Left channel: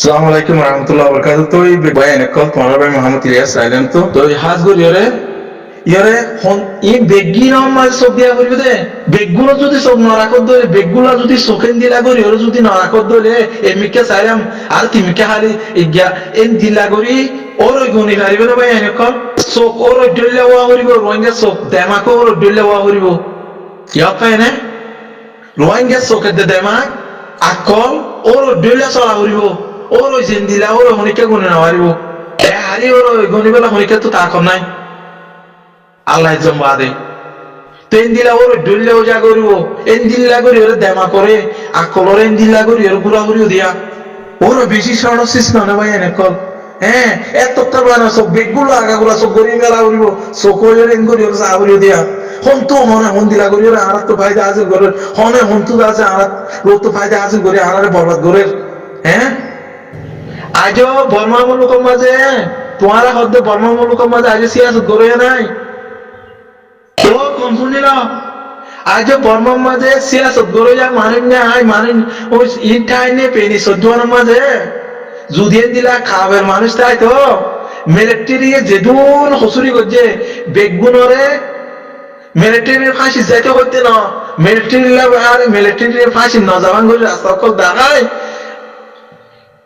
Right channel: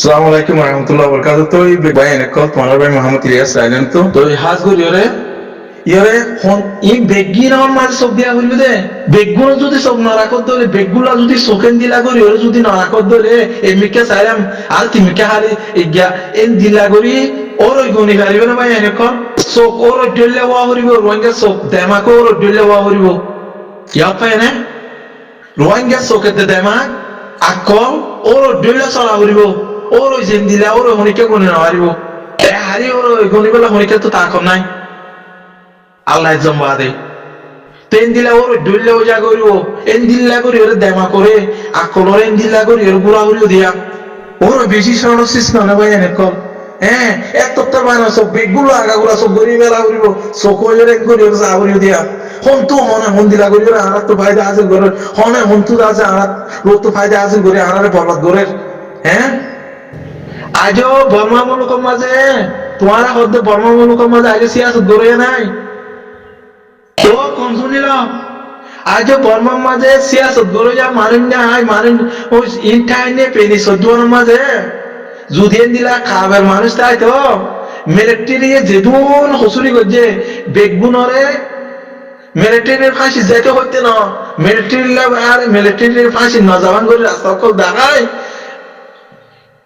সালাম আলাইকুম রহমতুল্লাহ বরকাত। তো এই ভাই এনেকল তোমার ভাই মোহাম্মদ ইলিয়াস রাইলেন তো হাজ গরি ইয়রে হন ই বেগি নাম মাঝে চোখ দিয়া করিব দে বেগুলো যদি চোখ নরাকত দলে বেগুলা যদি চোখেন দিলা করি ওরে যদি নরাকত দলে এমিকে চাইলাম আর তিমিকে হালি ইজ্ঞা এন দিলা করি ওর ওই গনি পারিব না ভাই এনেকল চোখ ওর ডলে ওয়া করিব রোহিঙ্গা চোখ দেমাকো ওর ডলে ওয়া করিব ইয়া পায় না রোহিঙ্গা চোখের দে দেমাক আকল ওর ডলে চলা করিব ওর ওই জেন দিলা ওর হনিকা গুনি নামারিব এ হারি ওর গনি বেলা হনিকা তো তা কর নাই আল্লাহ জম্বা দে তেন দিলা ওর ডুললে ও যা করিব এন দিল্লা করি ওর দেমা করে আকলর এন দিল্লা করি ওর গুড়া করিও দিয়া ওর বেশি সরসিস না ভাই এনে কল হ্যাঁ এত তোর বানা সব বেগগুলো আগাগুলা সব গরি বেলা করিব চোখ এন করি ওর চা করিও দিয়া হন তো হনে হন দিলা করি ওর আরাত তো ফায়দা হাসিল করে হনে হন তো আছে আরাত রোদ তো ফায়দা হাসিল করে আরারে বরবাদ করে হ্যাঁ আজও বর্মা মুলুকের মাঝে তোমারা হদ্দে বর্মা মুলুকের মাঝে আজ সিয়াসত গড়ে নাই তো কম শুনিল আজও বর্মার মাঝে সিয়াসত গড়ে যা মারিন না আই মারিন ওই ইনটাইনে পেনি সজ্জনের মাঝে যুদিয়েন দিলা খাবের মানুষ তাই তো মিলিটারি যেদুন হসুরি করছে বেগুনরে মিলিটারির ফাঁসি যাইতে করতে না মিলিটারি আর মিলিটারির ফাঁসি ন যাবান করে রাস্তা কল দাঁড়ায়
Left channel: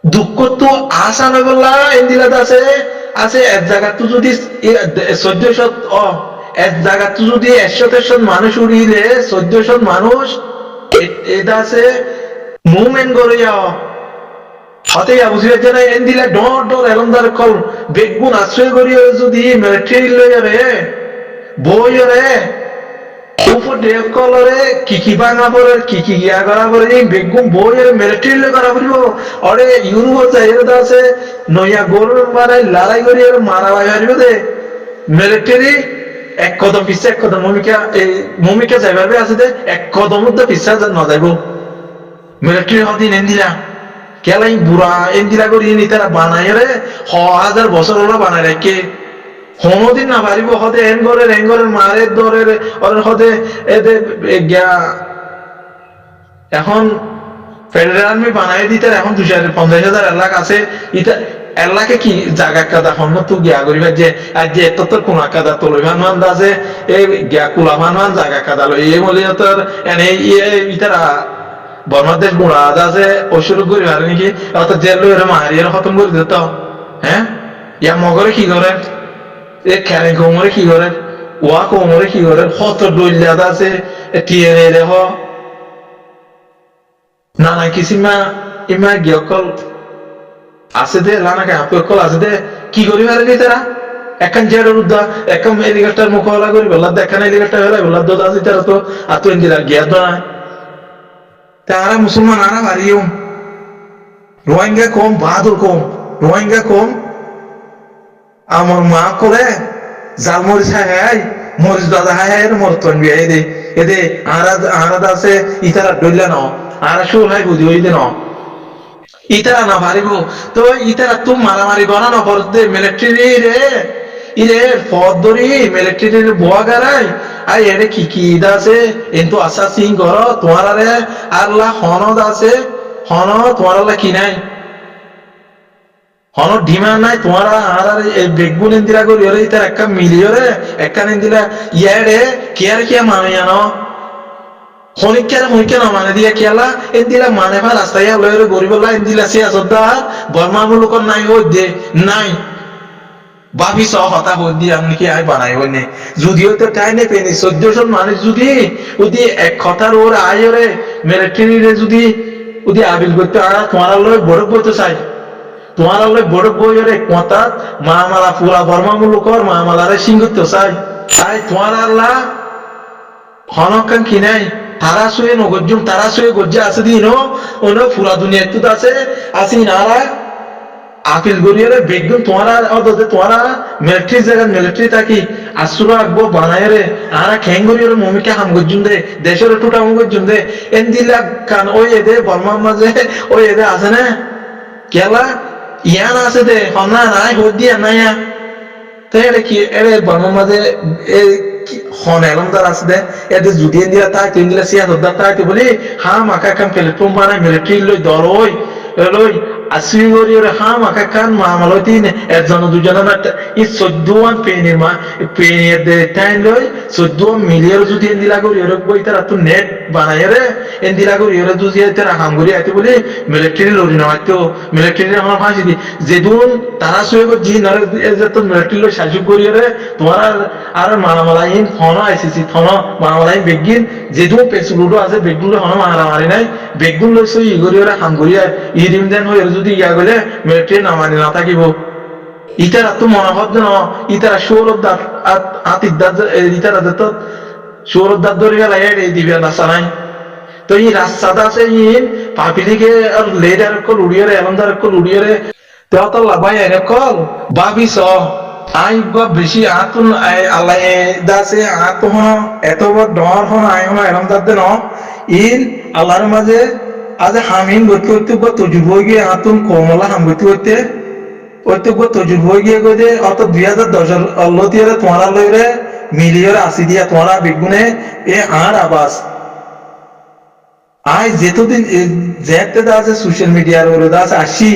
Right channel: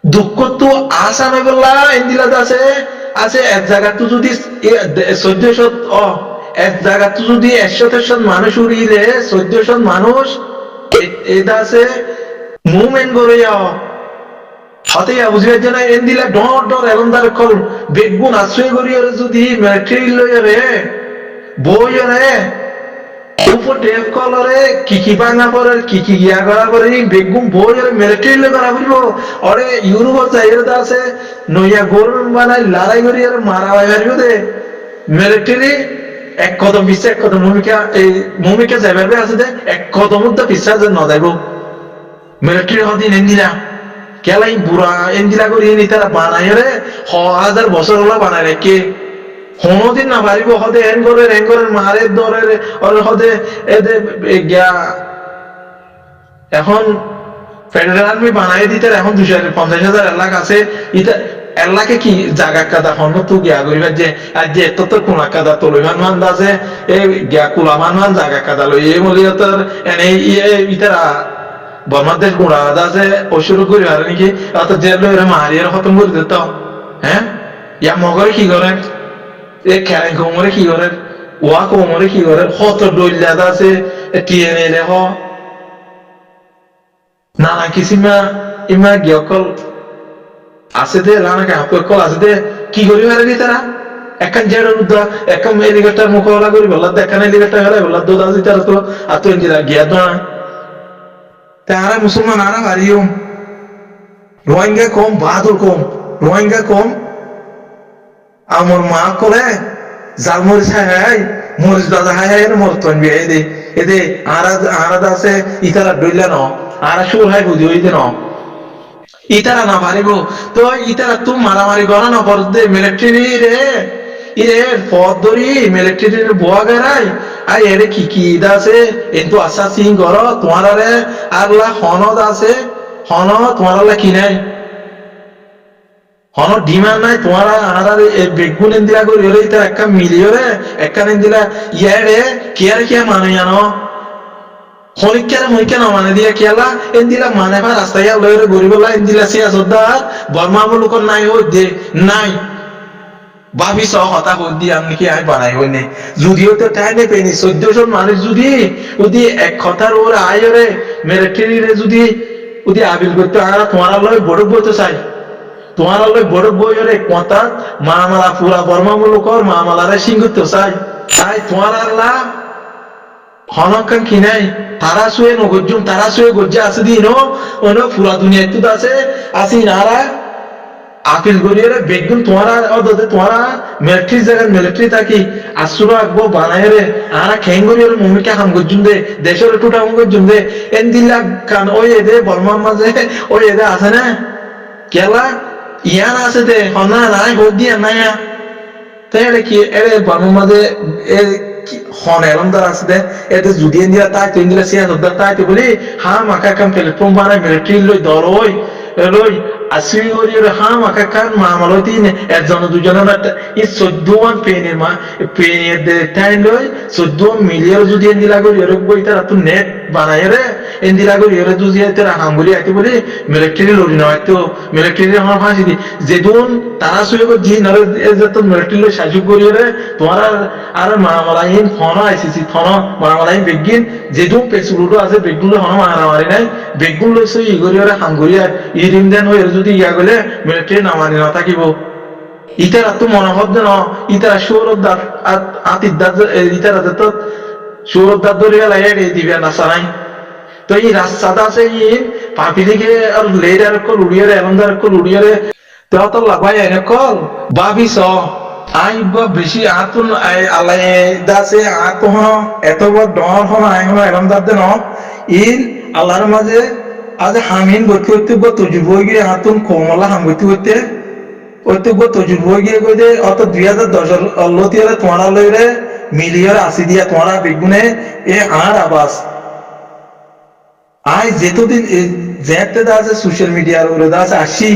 দুঃখ তো আশা নয় বললা ইন্দিলাত আছে আছে এক জায়গা তো যদি 1400 এক জায়গা তো যদি 100 মানুষ উড়িলে 1400 মানুষ এটা আছে মুভমেন্ট করে যাও হতে বুঝবে যে না ইন্দিলা ডর ডর এলমদার কল বেগুন আশ্রয় করি যদি মিলিটারি লই রে বই রে উপর ডেভ কলরে কি বাঙা পরে কি গিয়া করা করে বেগুন বই আর মিলিটারি করা করিব অরে ইউরোপ যাইয়ের আছে নইয়া গরম বানাই লড়াই করি আর মারা ভাই হারিব দে মিলিটারি এক কদম পিছে এক কদম ভূমিকা যাইবার আছে দে এক কদম মধ্যে পিছা ন যাইব মিলিটারি হদিন এন্দিলা কেলাই বুড়া এন্দিলা করি নি তারা বানাই রে 1000 বছর হলা বানাই রাখে কোনদিন না পারিব হদে এন ঘরের মারের দরের ওর হদে এদে গিয়া এখন ফেডারেল আর্মি বানাই দিতে এখন 250,000 এলাকা আছে ইটা এলাকে কি জায়গা কাদা হন তো গিয়া করিবার যে আর যে এত তোর কোন কাদা তো লইভান মান আছে এই গিয়া কুলা মান জায়গা কাদা লই এই বলি তোর এনে ইতারা বর্মাদেশ গুড়া আছে অসুর করি পারে নাকি অত জেল লই মারিয়ার খতম করে দিত হ্যাঁ ইয়া মগরে কি করে এ খেলেন কোমরে কি করে ওয়া কোমরে কি করে হত ডইলাদ আছে টিএনএ রে হ নানা কিসিমা ইমা গিয়কল আছে দে লানাকে হাপকল আছে দে কি করি পারে নি তারা একখান জেডর উদ্দা একখান হেলিকপ্টার মুখলা করি বললা দেখান হেলিকপ্টার হেলাই বললা দোদ আছে তারা তো আতো ইন্দিরা গিয়া দোনা তারা মুসলমান আরা ভারিও রোহিঙ্গা কম বাহাদুর কম রোহিঙ্গা কম আমার মা কলে জাল মরিচ হাই মরিচ দাদা হাই হাই মরতন বিয়া এদে আরাদ আছে ইতারা ডইলা ন আরা সুর হাই বুঝি ওই দে ন ইতারা না পারিব তো ইতারা তো মারামারি করা না পর দে মিলিটারি রে ইরে পদ ধরি মিলিটারির বোয়া গারাই আই এরে কি ইদা আছে কিন্তু আশা সিং কর তোমার রে আরলা হনদ আছে হন তোমার কি নাই হন ডিমান্ড নাই তোমার আর বেগুন ইন্দিরা করি ওরে ইতার একটা মিলিয়রে একটা ইন্দিলা ইয়ারে কিয়া মানে জানো হনিকা না মানে দিয়া কিয়ালা এন্দিলা মানে ভা রাস্তায় লয়রে গরিবলা এন্দিলা সিয়াসদার বর্মা মুলুকর নাই হই দে নাই ভাবি সহ হতা হই দি আমি কি আই বানাই হইনে যদিও তো তাই নে পেনি 1400 মানুষ যদি এক কথার ওর আয়রে মিলিটারি রে যদি আবিল করতে আর তোমার লয় বড় বইতে চাই তোমার লয় বড় বইরে কথা মামালা পুরা বর্মা মুলুকর মামালারে সিংগুতে চাই তাই তোমার আল্লাহ হনকান কি নাই তারা শুয়ে নগজুম তারা শুয়ে গজ্জে আছে দিন অন্য পুরা দুনিয়া তো আছে আসি নারা আপিল গরিয়ারে বেগদুম তোমারা অদতে তোমারা মিলিটারি জায়গা মিলিটারি থাকি আসুরা আগবো বানায় রে আরা খেং গরিয়ারে মুমিকে হাম গজ্জুম দে দেশের টুটা হাম গজ্জুম দে এন দিলা কান ওই এদে বর্মার মাঝে ওই এদে আছে না কেলা ইয়ান আছে দে হনা নাই হদ দিয়া নাইয়া তাই এটা কি এরে বর্মার মাঝে হন এলমদার আছে দে এতে যদি দিলা তাই তুই দিলা সিয়াসদার তাই তো বলি হা মাকা কাম প্ল্যাটফর্ম বানাই মিলিটারি লই দল ওই লই আসুই করি ওরে হা মাকা কান মামালতি একজন দুজন ই 14 পেনির পেনির টাইম লই 14 মিলিয়ন যদি এন্দিলা করি ওরে বই তারা তো নেট বানায় রে এন্দিলা করি ওরে যদি তারা হাঙ্গুরি আইতে বলে মিলিটারি লরি না হয়তো মিলিটারি হন ফাঁসি দি যেদুন তারা শুয়ে গো জি নরে যত মিলিটারি লই সাজুক করি রে তোমার আর মামালাইন ফোন আইসিসি ফোন মামালাইন বেগিন যেদুন পেসুলুডো আছে বেগুলো হন মারামারি নাই বেগুন লই সই ইগরি ওরে হাঙ্গুরি ইরিম দেন হয়ে যদি ইয়া গলে মিলিটারি নামানি না থাকিব ইতারা তো মনে হচ্ছে না ইতারা সৌরদার আতিদার ইতারা যত সৌরদার ধরে গেল এই দিবে না সানাই তো এই রাস্তাটা আছে ইন পাপিলিকে আর লেডার কল উড়িয়ারে এলমদার কল উড়িয়ারে তো অত লাভাই এনে কল ভাবিস আই বা বেশি আতুন আল্লাহ দাসে আত হন এত বড় ডর হন আই হন এলমদার দেন ইন আল্লাহর মাঝে আজ হামিন গতি করতে তজুব গিয়ে আতুন কমলা হাম গতি করতে প্রত্যেক তজুব গিয়ে গই দে অত 2010 লতিয়ারে তোমার লইরে মিলিয়র আসি দিয়া তোমারা বেগুনে এ আর আবাস আই যেতদিন যেতে দা আছে সোশ্যাল মিডিয়ার ওরে দা আছে আসি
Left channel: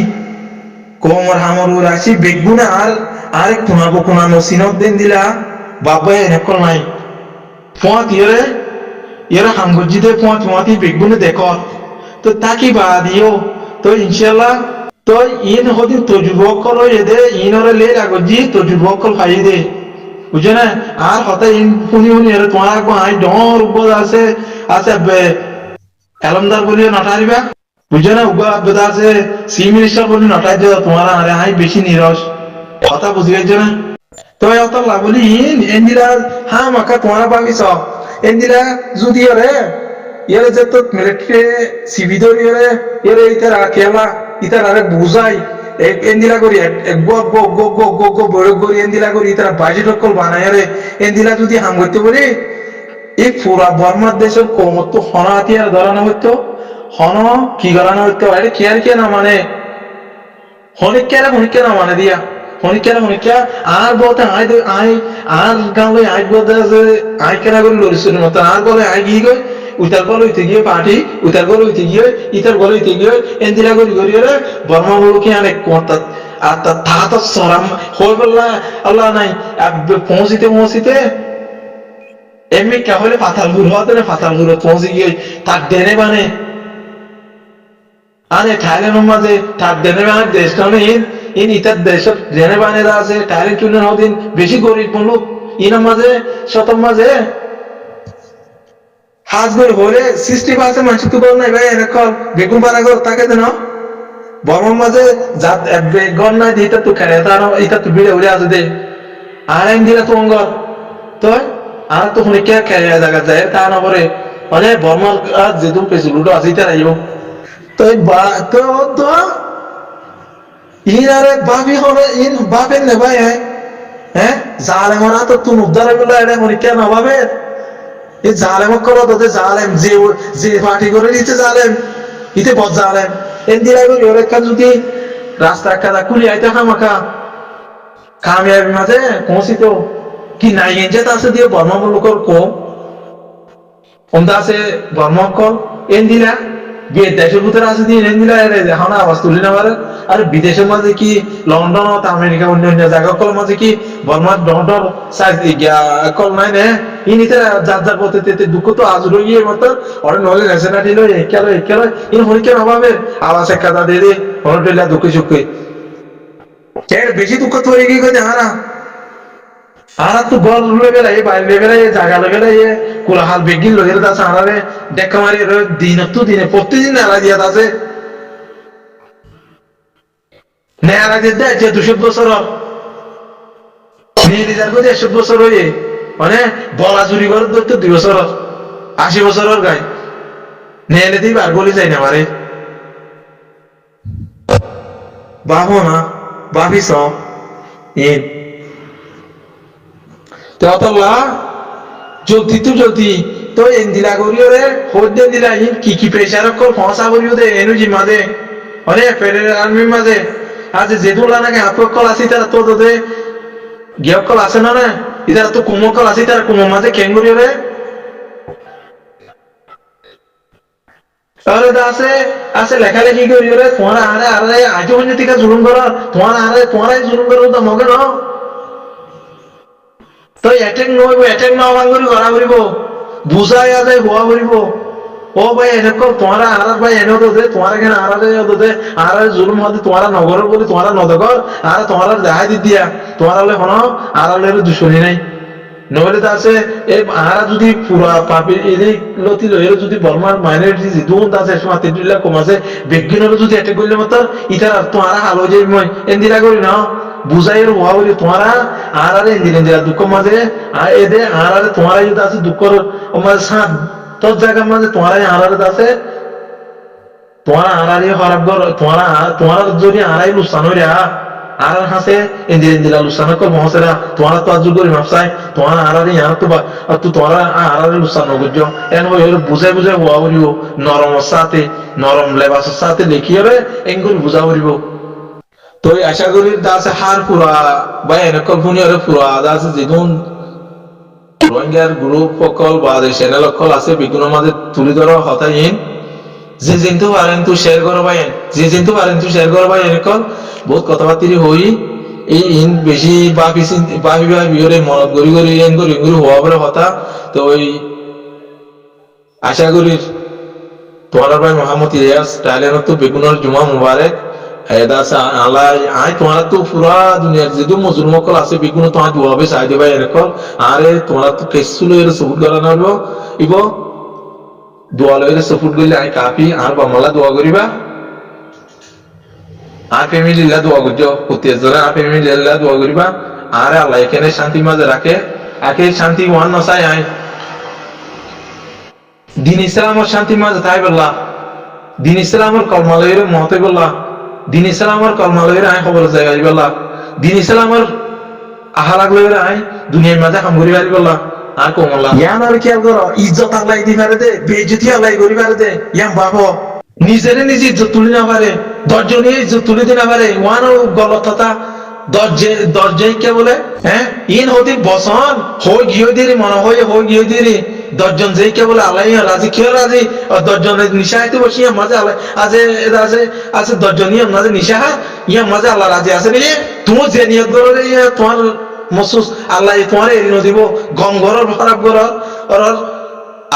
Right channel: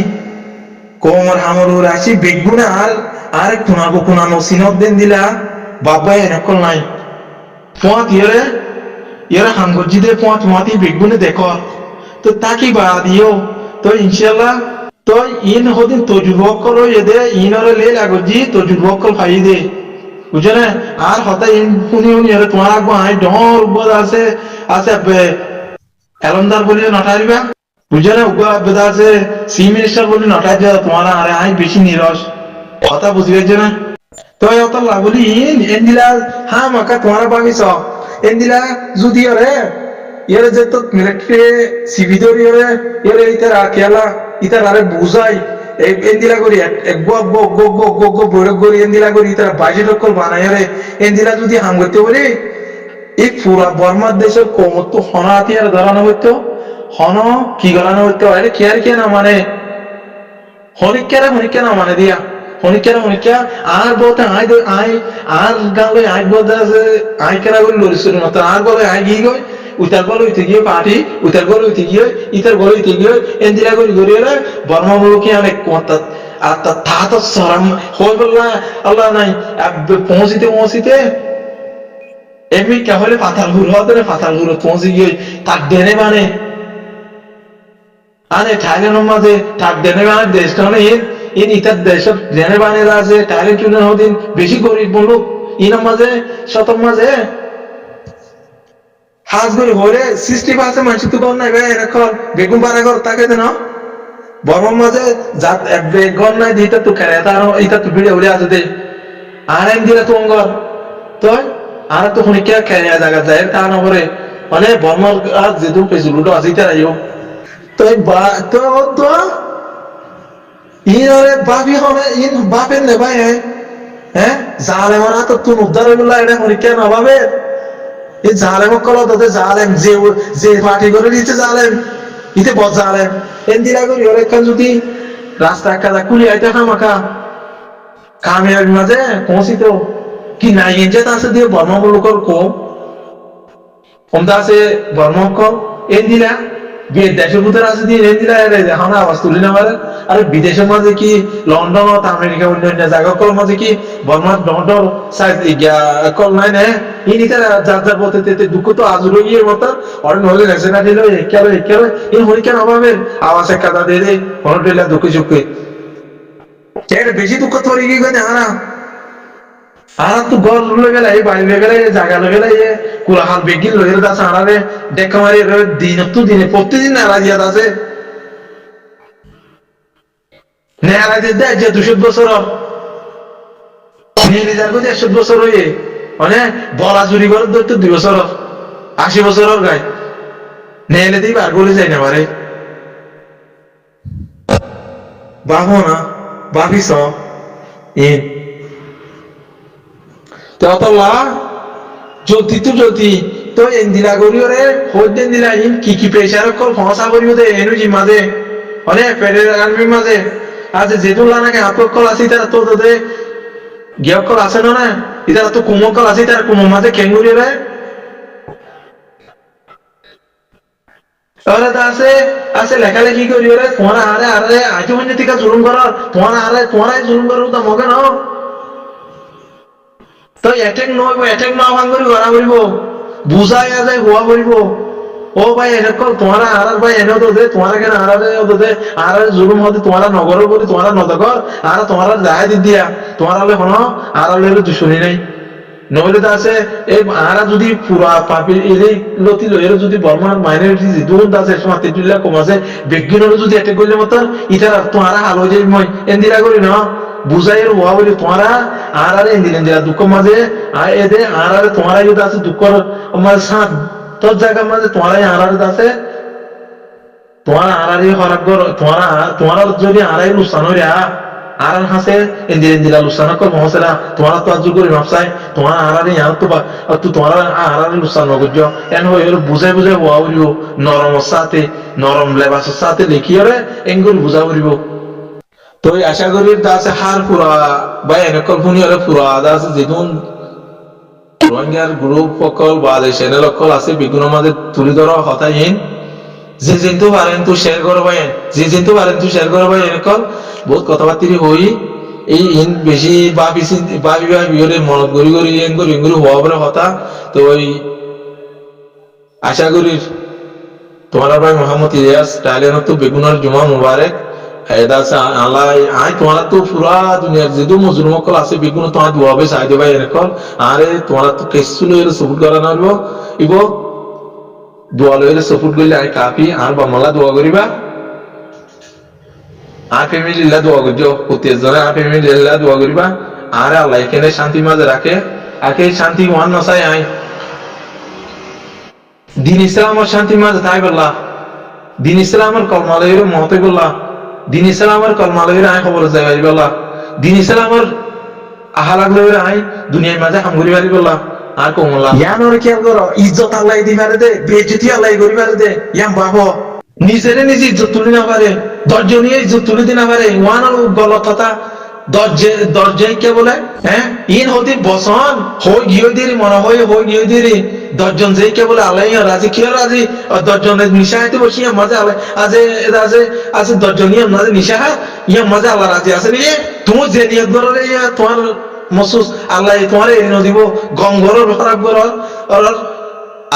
কোমর হামর ওরে আসি বেগুনে আর কুনাবো কুনানো সিনত দেন দিলা বাবা এনে কল নাই পোঁত ইয়েরে হাঙ্গজি দে পোঁতি বেগুনে দেখো তো তাকি বা দিও তো ইনশাল্লাহ তো ইন হদিন তজুবক কল এদে ইনরে লে লাগজি তজুবক কল ফাই দে বুঝে না আর হতা ইন শুনি এরে তোমার আগবো আই ডর উব্বদ আছে এলমদার বলিও নটারিবা বুঝে না উগ্র আবেদা আছে সি মিনিস্টার বলি নটাই যা তোমার আরে আই বেশি নিরস কথা বুঝিবে না তো অত বলি এন্দিলা হা মাকা তোমার ভাবিস এন্দিলা যদি ইয়ারে যে তো মিলিটারি সিভিদর ইয়ারে ইতারা কেলা ইতারা আরে বুঝাই এন্দিলা করি বৈরক করি এন্দিলা করি ইতারা বাজেট কল বানায় রে এন্দিলা যদি হাম করতে বলি এই পুরা বর্মার দেশের কমত হন হাতিয়ার ধরানো হইতো হন কি করানো হইতো এটা কেয়ার কে না মানে হনিকা না মানে দিয়া হনিকা আর বলতে আই আর গাঁলে আই বলতে আছে আই কেনা করে লড়িছিল মতো আর বলে আই গিয়ে গই উতার গল হইতে গিয়ে পার্টি উতার গল হইতে গিয়ে ইতার গল হইতে গিয়ে এন্দিলা করি রে বর্মা মুলুকি অনেক কত আর তা তো সরাম হয়ে বললা আল্লাহ নাই পৌঁছিতে এমনি কে হলে ফাতাল হুর হতে না ফাতাল হুর পৌঁছে গিয়ে তার ডেনে বানে আরে থাইল্যান্ডের মাঝে তার ডেনে বানে দেশটা ইন ইতার দেশের ডেনে বানে আছে থাইল্যান্ড চুনের হদিন বেশি গরিব লোক ইনার মাঝে শতম মাঝে হাজ গরি হলে 60% মানুষ তো কর নাই ভাই এনে কল বেগুন পাড়া কর তাকে দেন বর্মার মাঝে জাত বেগন নাই দিতে তো খেলে তার ইতা তো ভিড়ে উড়ে আছে দে আর এম দিলে তো অঙ্গর তো আর তো হনিকা খেয়ে জায়গা যায় তা না করে মানে বর্মার যেদুন পেয়েছিল উঠো আসিতে রাইও তো তো ইন আরে বাপি হবে ইন বাপের নে ভাই হ্যাঁ জালেমরা তো তুন উদ্ধার হইগুলো এটা হনিকা না ভাবে এই জালেম কল তোদের জালেম যে পার্টি করে দিচ্ছে জালেম ইতে বদ জালেম এন দিলাই করি ওর একখান যদি রাস্তা কাদা কুলি আইতে খামাখা কামিয়াবি মাঝে পৌঁছিত কি নাই ইঞ্জেত আছে দিয়ে বর্মা লোকর কম আছে বর্মা কল এন দিলা বিয়ে দেশের ভিতরে আছে দিয়ে এন দিলা এখন আওয়াজ তুলি না পারে আর বিদেশের মাঝে কি লন্ডন আমেরিকা অন্য জায়গা কল মাঝে কি বর্মার ডর কল নাই নে ইনিতে যার বলতে দুঃখ তো আজ রইয়ে মতো অনেক নহলে নেশনাটি লো একালো ইন হরিকেন অভাবের আওয়াজ এক কাদা দিয়ে হনটিলা দুঃখে সুখে এর বেশি দুঃখ তোর কি কই দেখা না আর তো গর লেভেল এই বাড়ি লেভেল এই জায়গা লেভেল এই কুলাহাল বেগিন লইর দাস আরারে দেখা মারি দিনে প্রতিদিন আলা দিয়া আছে নেয়ালা যে 200 বছর নিলিজার কই 100 বছর হয়ে মানে বলা চুরি করে তো 2 বছর 80 বছরের গায় নেলে দিই বার গলি যায় না পারে বাবো না ভাবিস ইন তেতলা জলদি তো এন্দিলা করিওরে হইতে দিলা ইন কি প্রেসার কল ফসা করিও দে এনু জি মাঝে মানে ফেডারেল আর্মির মাঝে আজ যেদুন লানাকে আপক কল আছে তারা তো দে গিয়ক কল আছে না ইতারা তো কুমো কল আছে তারা কুমো মাঝে কেঙ্গুরিওরে আরে দা আছে লেখালেখি করি ওরে তোমার আরে আজও হইনি থেকে জুলুম কর তোমার জুলুম করো তো মগে ন তো এটেক ন ভাঙরি করা করিব বুঝাই যায় হওয়া করিব ও ভাই এনেকল তোমারা আর ভাই এনে তো দে তোমারা কেন আর জুলুম হতে তোমারা নগর বলি তোমারা নদগর আর তোমারা দেখাই দি দিয়া তোমারা হন আর দুশনি নাই নহলে তো আছে এই আরা যদি পুরা পাপি এলি লতি লয়ের যদি বর্মার মাইনরিটি দুন আছে সময় 3 লাখ কম আছে বেগিনের যদি এটেক করলে মত ইতার তোমারা হাল হয়ে যাই মই এন্দিলা করি না বুঝাইয়ের হওয়া বলি তোমারা আর এন্দিলা দুঃখ মাঝে এদে আর তোমারাই যদি আছে দুঃখর মাঝে সাথ তোর জায়গার মাঝে তোমারাই আর আছে তোমারা আরারি হরাগর তোমারা যদি আরাই লুসান হইরা আর হাসে এন্দিলা লুসান কল মহসেরা তোমারা তো আজু করি মাপসাই তোমারা আরারি আর তো বা তো তোমারা আরারি লুসান নগজ্য এন হই বুঝাই হওয়া করিব নরম লেবাসের সাথে লেখিয়রে এঙ্গুরি বুঝা করিব তো আশা করি দাসে হার পুরা বা এনেকল ফুনিয়রে পুরা দাসে যেগুন রোহিঙ্গার গ্রুপ সকল বা চ্যানেল সকল আছে বিভিন্ন মাঝে তুলি ধরা হতাহীন যে জিন্তু পারেন তু শেয়ার করো বাইন যে জিন্তু পারেন তু শেয়ার করো বাইন এনেকল বহুত কথাবার্তি হই এই ইন বেশি বাপি ওরে মনত গড়ি এঙ্গুরি হওয়া বলে হতা তো ওই আশা করি তোমার ভাই মোহাম্মদ ইলিয়াস টাইলেন তো বেগুনের জুমা মুবারক তোমার তো পুরা দুনিয়ার যে মজুর মকল আছে বেগুন তোমার দোয়া হবে চাই দেবা এনেকল আরে তোমার তো কেসুলো এর সপুট করা নারবো ইব দোয়া লইলে সপুট করলে আই কাফি আর বামলা দোয়া করিবা আর ফ্যামিলি দোয়া করছো প্রত্যেক জনে আর ফ্যামিলি দোয়া করিবা আর আল্লাহ এখানে শান্তি মাঝে রাখে আকে শান্তি ওয়ান নসাই আই দিন ইসলামের শান্তি মাঝে তাই বললা দিন ইসলামের কলমালয়ের মহতে বললা দিন ইসলামের কলমালয়ের আই খবর যাই পারি বললা দিন ইসলামের আহালাগ লয়ের আই দুনিয়ার মাঝে হাম করি পারি বললা আর কমলা ইয়ান আর খেয়াল করো ইজ্জত আল্লাহ দি পারে দে বেইজ্জতি আল্লাহ করি পারে দে ইয়াম বাবো নিজেরে নিজে ইজ্জত তুলি না পারে দশজনীয় ইজ্জত তুলি দিনা পারে ওয়ান গলত কথা দরজে কে বলে হ্যাঁ ইন হতি বসন হই গিয়ে দিরি মনে হই গিয়ে দিরি দশজন যে কে বলে আল্লাহ রাজি কিয় রাজি দশজনের নিশাহাতে বসি মাঝে আল্লাহ আছে দশজনীয় মাঝে নিশাহা ইয়া মাঝে আল্লাহ রাজি আছে নি তুমি যে নিয়ত করো তোমার মসুস আল্লাহ তোমার এরিনো দিব গম ঘর খরাব ঘর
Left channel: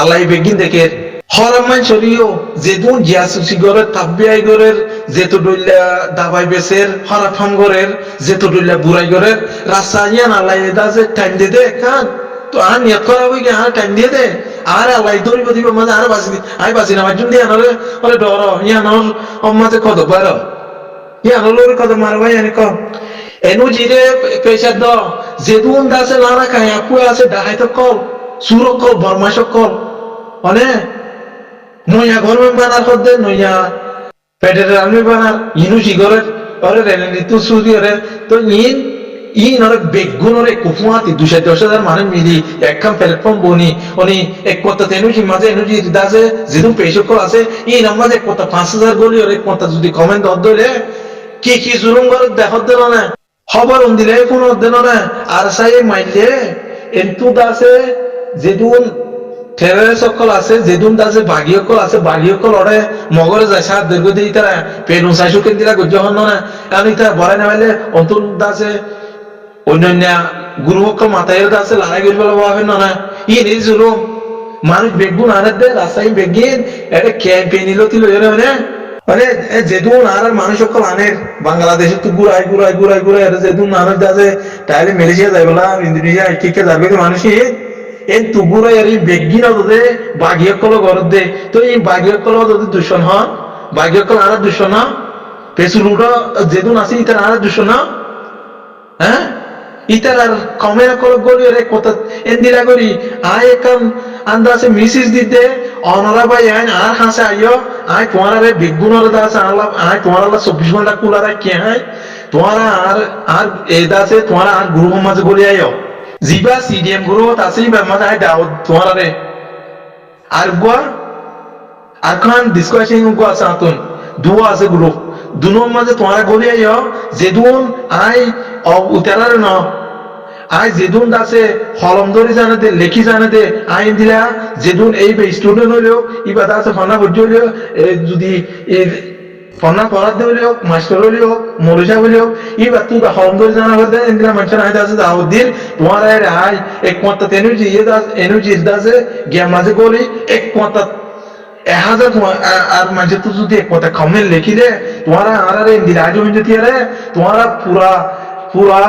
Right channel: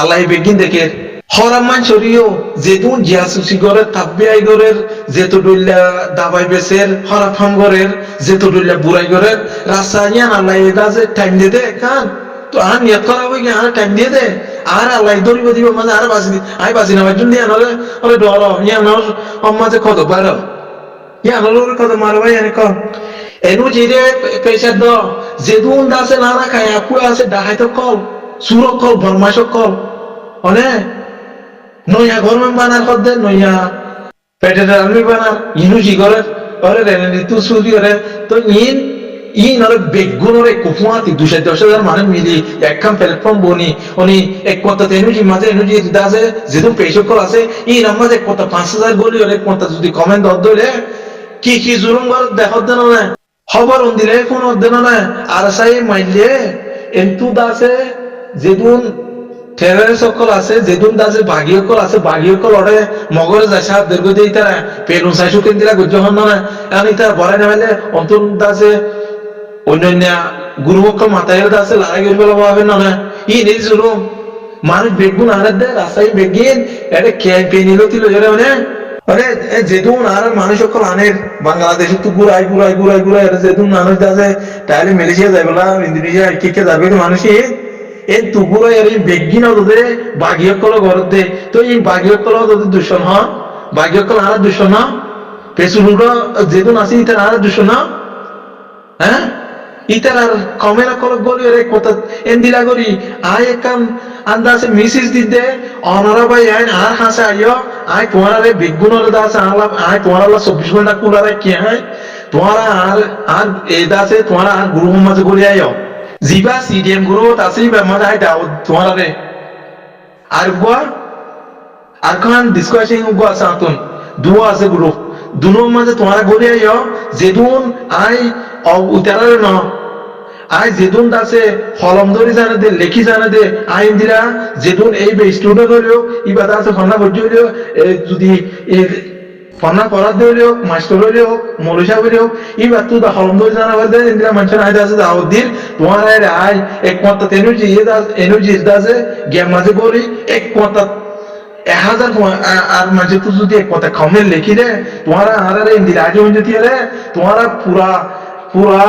আল্লাহ বেগিন দেখে হরাম মান শরীয় যেদুন জিয়াসুসি গরের তাব্বিআই গরের যেতো ডুল্লা দাবাই বেসের হরাফাম গরের যেতো ডুল্লা বুড়াই গরের রাসায়ন আল্লাহ দাজে টাইম দিয়ে দে খান তো আর নিয়ত করা হই গে আর টাইম দিয়ে দে আর আল্লাহ দরিব দিব মাঝে আর বাজি আই বাজি না বাজুন দিয়া নলে ওরে ডর ইয়ানোর মাঝে কত বার ইয়ানোর কত মারবাই এনে কম এনু জিরে পেশার দ যেদুন দাসে লানা খায় আপু আছে ডাহাইতো কল সুরক কল বরমাশক কল অনে নইয়া গরমেন বানার কদ্দে নইয়া পেটের আলমি বানার ইনু জিগরের ওরে রেলেনি তু সুরিয়রে তো ইন ওরে বেগুনরে কুফুয়াতি 210,000 মানুষ মিলি একখান প্ল্যাটফর্ম বনি উনি এক কথা তেনুজি মাঝে এনুজি দাজে যেদুন পেশক কল আছে ইন মাঝে এক কথা 5,000 গলি ওরে এক কথা যদি কমেন্ট দইলে কি জুলুম করে দেখত দেন না খবর দিলে ফোন দেন না আর সাই মাইলে এন্তু দাসে যেদুন টেরর সকল আছে যেদুন দাসে বাগিয়কল আছে বাগিয়কল ওরে মগরে যায় সাত দীর্ঘ দেই তারা পেলুন সাই সুকেন দিলা গজ্জ হন না এখন ইতা বড়াই না হইলে অন্তন দাসে অন্যান্য গুরুমক্কল মাতায়ের দাসে লড়াই করিবে হবে না ই নিজ জুলুম মানুষ বেগুন আনে দে রাস্তায় বেগিন এটা ক্যাম্পেইন লতিল মানে যেদুন আর মানুষ সকল আনের বাংলাদেশে তো ঘুরাই এটা যেদুন মানুষ দাসে তাহলে মালয়েশিয়া যাই বলা ইন্দোনেশিয়া কে যাবে মানুষ এন তুগুরা আর বেগিন দে বাগিয়কল ঘরত দে তো এই বাগিয়কল যদি দূষণ হন বাগিয়কল আর দূষণ না পেসুলুটা যেদুন আছে ইতার আর দূষণ না হ্যাঁ ইতার আর কমের কল গলি রে কথা এন দিলা করি আয় একাম আন্দাসে মিসিস দিতে অনারা ভাই আইন আর হাসে আইও আয় তোমার রে বেগুনর দাস আল্লাহ আয় তোমার আল্লাহ 24 ঘন্টা কুলা রাখি আয় তোমার আর এই দাসে তোমার আর গুরু মাঝে গলি আইও জিবা সিডিএম গুরু আছে বা মজা আই দাও তোমার রে আর গোয়া আর খান ডিসকাশন গো আছে আতুন দুয়া আছে গ্রুপ দুনো মাঝে তোমার গলি আইও যেদুন আই উতারারে ন আই যেদুন দাসে হলম ধরি জানে দে লেখি জানে দে আইন দিলা যেদুন এই স্টুডেন্ট হইলেও ইবা দাসে ফন্না ভর্তি হইলেও যদি ফন্না পড়ার দে হইলেও মাস্টার হইলেও মৌলিসা হইলেও ইবা তুই হলম ধরি জানা করে দেয় ইন্দিলা মানুষের আই দাসে দাও দিন তোমার আই এক মত এনুজি ইয়ে দাস এনুজি দাসে গিয়া মাঝে গলি এক মত 1000 আর মানুষ তো যদি এক কথা কমেন্ট লিখিলে তোমারা আর ইন্দিলা আজ হইতে আরে তোমারা পুরা পুরা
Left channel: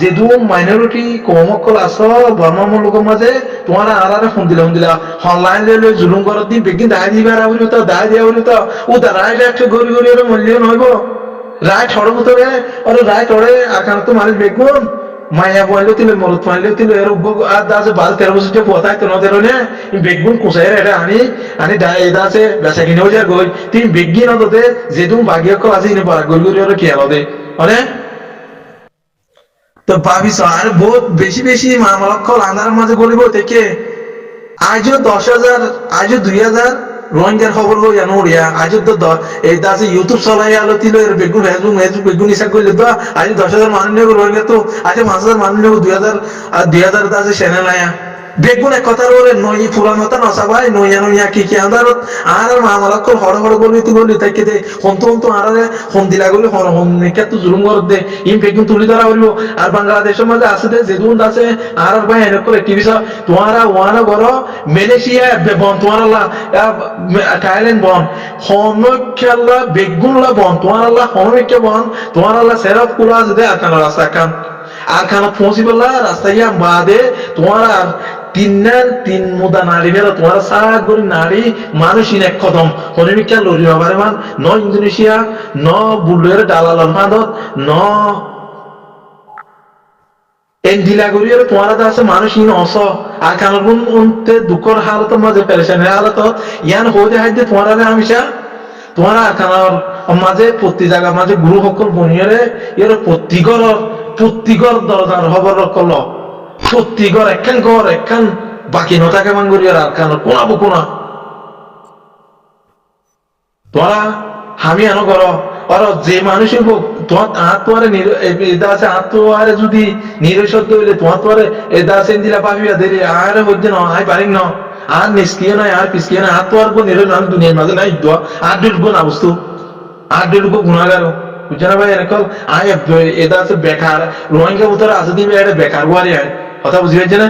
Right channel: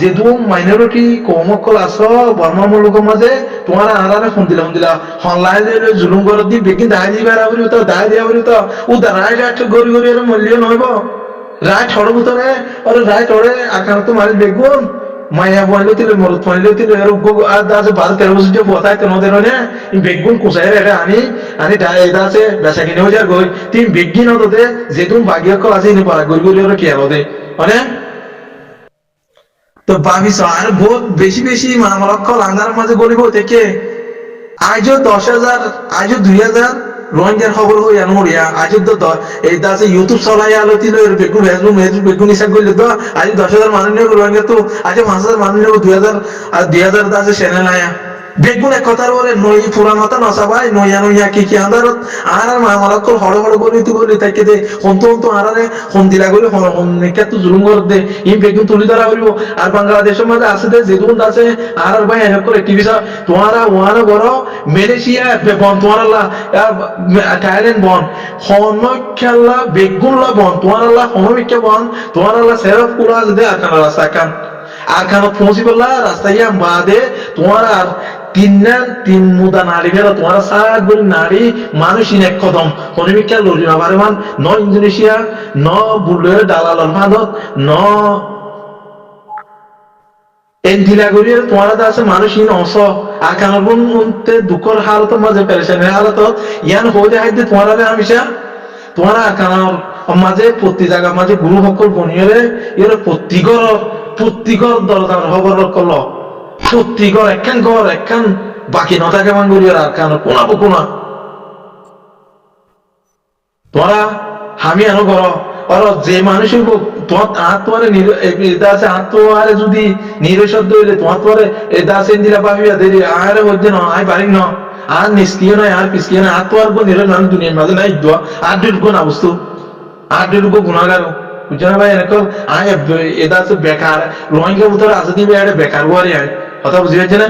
যেদু মাইনরিটি কমকল আছো বর্মা মুলুকের মাঝে তোমারা আরারে ফোন দিলা অনলাইন লে জুলুম করার দিন বেগিন দায় দিবার আবরি তো দায় দিয়া আবরি তো ও দা রাইট একটা গরি গরি এর মূল্য নইব রাইট হড় ভিতরে আরে রাইট হড়ে আর কারণ তো মানুষ বেগুন মায়া বললো তিলে মরুত মানলো তিলে এর আর দাসে 12-13 বছর যে পথায় তো নদের নে বেগুন কুসাই রে আনি আনি দাসে বেচা কিনেও যা গই তিন বেগিন হতে যেদুম ভাগ্য কল আছে ইনি পারা গরি গরি এর কি আলো দে মানে তো ভাবিস আর বহুত বেশি বেশি মামলক্ষল আন্ধার মাঝে গলিব থেকে আজও 10,000 আজও 2,000 রোহিঙ্গার খবর হই জানো উড়িয়া আজও তো এই দাসে ইউটিউব চলাই আলো তিল এর বেগুন ফেসবুক বেগুন ইসা করলে তো আজ 10,000 মানুষ নেব রোহিঙ্গা তো আজ 5,000 মানুষ নেব 2,000 আর 2,000 দাসে চ্যানেল আয়া বেগুন এক কথার ওরে নই পুরান হতা নসাবাই নইয়া নইয়া কি আন্দারত আর মামলক্ষল হড় হড় গলি তাইকে দে হন্তু আরারে হন দিলা গলি হন নেকা তো জুলুম কর দে ইম বেগুন তুলি ধরা হইব আর বাংলাদেশের মাঝে আছে দে যেদুন আছে আর ভাই এনক করে টিভিসা তোমারা ওয়ানা গর মালয়েশিয়া বন তোমারা থাইল্যান্ড বন হন খেলা বেগুন লা বন তোমারা হনমিকে বন তোমারা সেরফ কুলা আছে দে আর কান রাস্তা কান আর খানা পৌঁছিবলা রাস্তায় বাদে তোমার আর তিন মুদা নারী ফেরা তোমার সাত গরি নারী মানুষ ইন এক কদম হরিমিকা লড়ি বাবারে মান ন ইন্দোনেশিয়া ন বুলের দালাল ফাঁদত ন এন্ডিলা গরিয়ে তোমার আছে মানুষ ইন অস আর খানার গুণ উনতে দুঃখর হালত মাঝে পেরেশানের হালত ইয়ান হয়ে যায় তোমার হামিশা তোমার আর খানার মাঝে প্রতি জায়গা মাঝে গুরু সকল বনিয়ে ইয়ে প্রত্যেকর দরকার খবর কল প্রত্যেকর একখান বাকি নতাকে মাঙ্গুরি আর কান কোনা তোরা হামি আনো কর আর যে মানুষ তোমার তোমার এটা আছে তোমারে যদি নিরসদ্য হইলে তোমার এটা আছে দিলা পাবিয়া দেরি আর হচ্ছে না আই পারি না আর নিষ্ক্রিয় নয় আর পিসক্রিয় নয় আর তোমার নিরস দুনিয়ার মাঝে নাই দোয়া আর দুটো না বস্তু আর দুটো গুণাগারও বুঝছো না ভাই এনেকল আয় এটা আছে বেকার রোহিঙ্গা ভিতরে আছে দিবে এটা বেকার গুয়ারি আয় কথা বুঝি পারছে না